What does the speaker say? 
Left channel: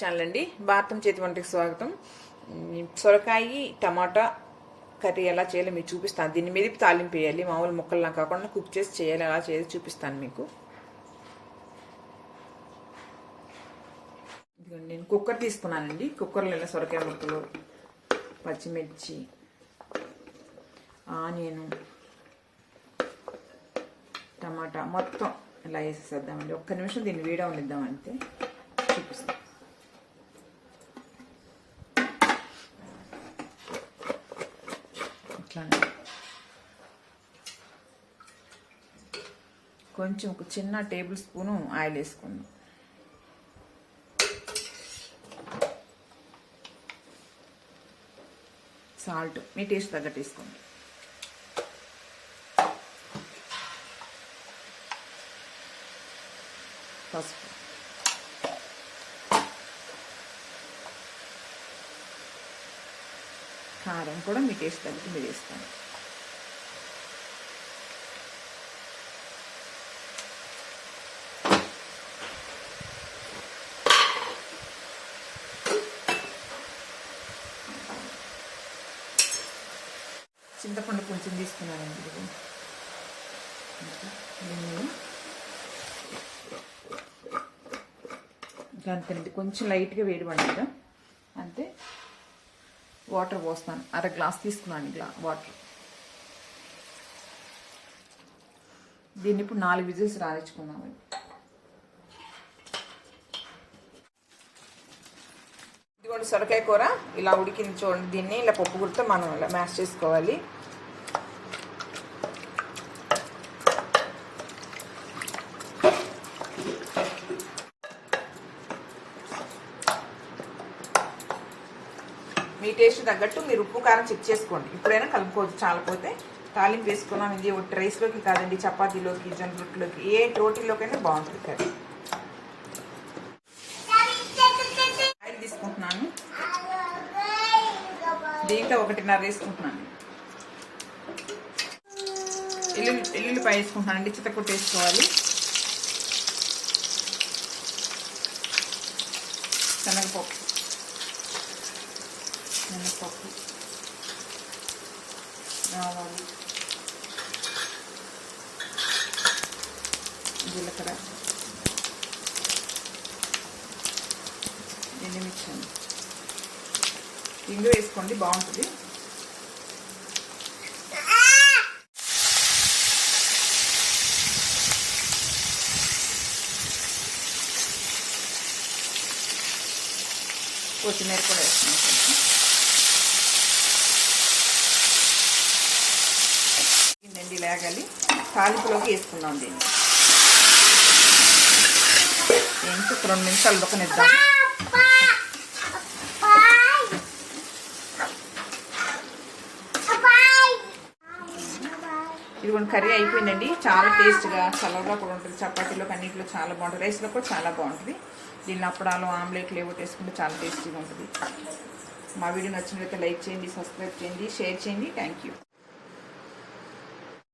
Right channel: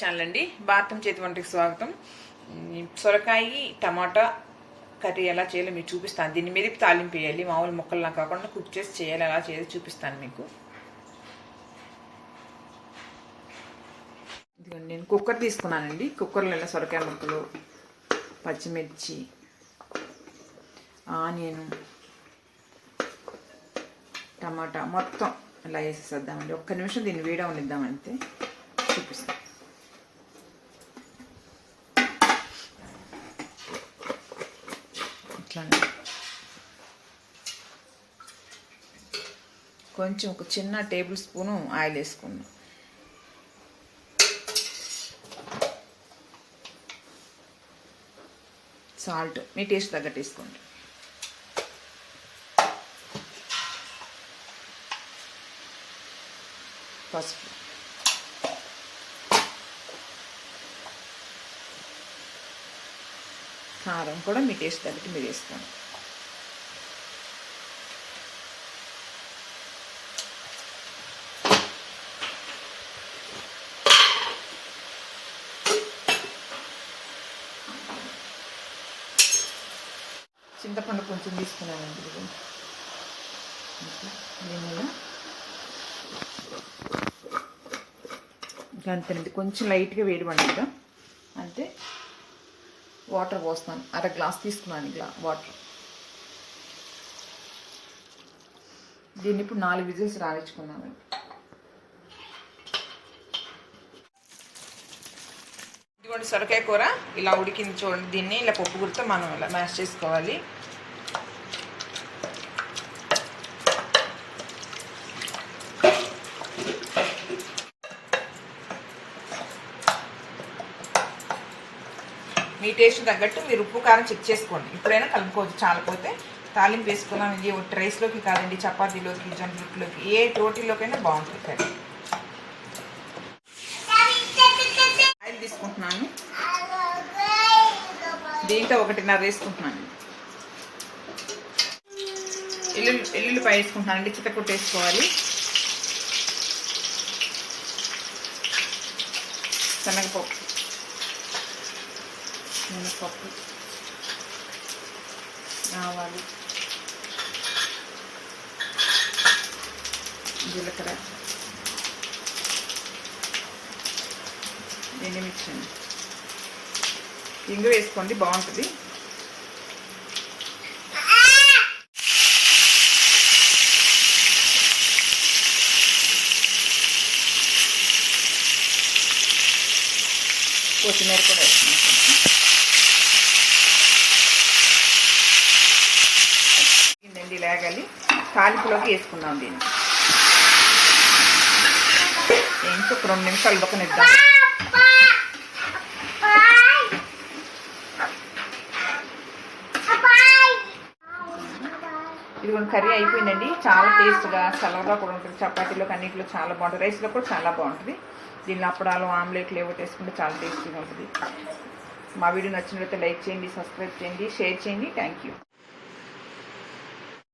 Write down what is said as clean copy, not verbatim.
Channel అండి. భారతం చేతి వంటకి స్వాగతం. సొరకాయ టమాటా కర్రీ ఎలా చేయాలో మీకు చూపిస్తాను. దీన్ని మెదిపి తాలింపు వేయాలి, మామూలు ముక్కల్లా కాకుండా కుక్ చేసి చేయాలి. ఎలా చేయాలి చూపిస్తాను మీకు. నేను కుక్కర్ తీసుకున్నానండి. కుక్కర్లో ఇలా సొరకాయ ముక్కలు, పచ్చిమిర్చి, ఆనియన్, టమాటా మొత్తం ఇలా వేసేద్దామండి. ఒక్క నిమిషం దీన్ని వేడవనిద్దామంటే చూపిస్తాను. ఇట్లానే కొంచెం ఒక చిన్న టేబుల్ స్పూను ఆయిల్ వేసుకున్నాం. సాల్ట్ మీ టేస్ట్ తగ్గట్టు వేసుకోండి. పసుపు, కారం కూడా మీ టేస్ట్ తగ్గట్టు మీరు వేసుకోండి. చింతపండు కొంచెం తీసుకున్నానండి. దీనిలో అంతేనండి, కొంచెం లైట్గా వేడి పండుగ అంతే. వాటర్ పోస్తాను, అర గ్లాస్ తీసుకున్నాను వాటర్. దీన్ని ఇప్పుడు 4 విజిల్స్ రానిచ్చుకున్నామండి. ఇదిగోండి సొరకాయ కూర ఇలా ఉడికింది చూడండి. దీన్ని ఇలా పప్పు గురితో మనం ఇలా మ్యాష్ చేసుకోవాలి. మీ టేస్ట్ తగ్గట్టు మీరు ఉప్పు కారం చెక్ చేసుకోండి. ఇప్పుడైనా కలుపుకోవచ్చు. చాలపోతే తాలింపు వేసుకున్నాం. ఇది రైస్లోకి కాదండి, చపాతీలోకి, జొన్న రొట్టెలోకి, ఏ రోటీలోకైనా బాగుంటుంది కర్రీ. ఆయిల్ తీసుకుంటున్నాను. దీంట్లో 1.5 వేసుకుంటున్నాను. ఎల్లుల్లిపాయ వేసుకుంటున్నానండి. చితకొట్టు వేసుకోవాలి. శనగపప్పు, మినపప్పు, ఆవాలు, జీలకర్ర, ఎండుమిర్చి, ఇంగు వేసుకోండి, బాగుంటుంది. కొత్తిమీర కూడా వేసుకుంటాం. దీన్ని లేగాలి. తాలింపులోకి వేసుకుందాం. దీన్ని ఏంటో 2 నిమిషాలు ఉడకనిద్దాం. ఇది కర్రీ అయిపోయిందండి. చాలా టేస్ట్గా చల్లగా కూడా ఉంటుంది. చపాతీలోకి అన్నింటిలో చాలా బాగుంటుంది. రైస్లో కూడా చాలా బాగుంటుంది. దీనిలో అప్పడాలు, ఆమ్లెట్లు ఏవో వేసుకుంటే చాలా టేస్టీగా ఉంటుంది. మా వీడియో నచ్చినట్లయితే లైక్ చేయండి, సబ్స్క్రైబ్ చేయండి, షేర్ చేయండి. Thank you.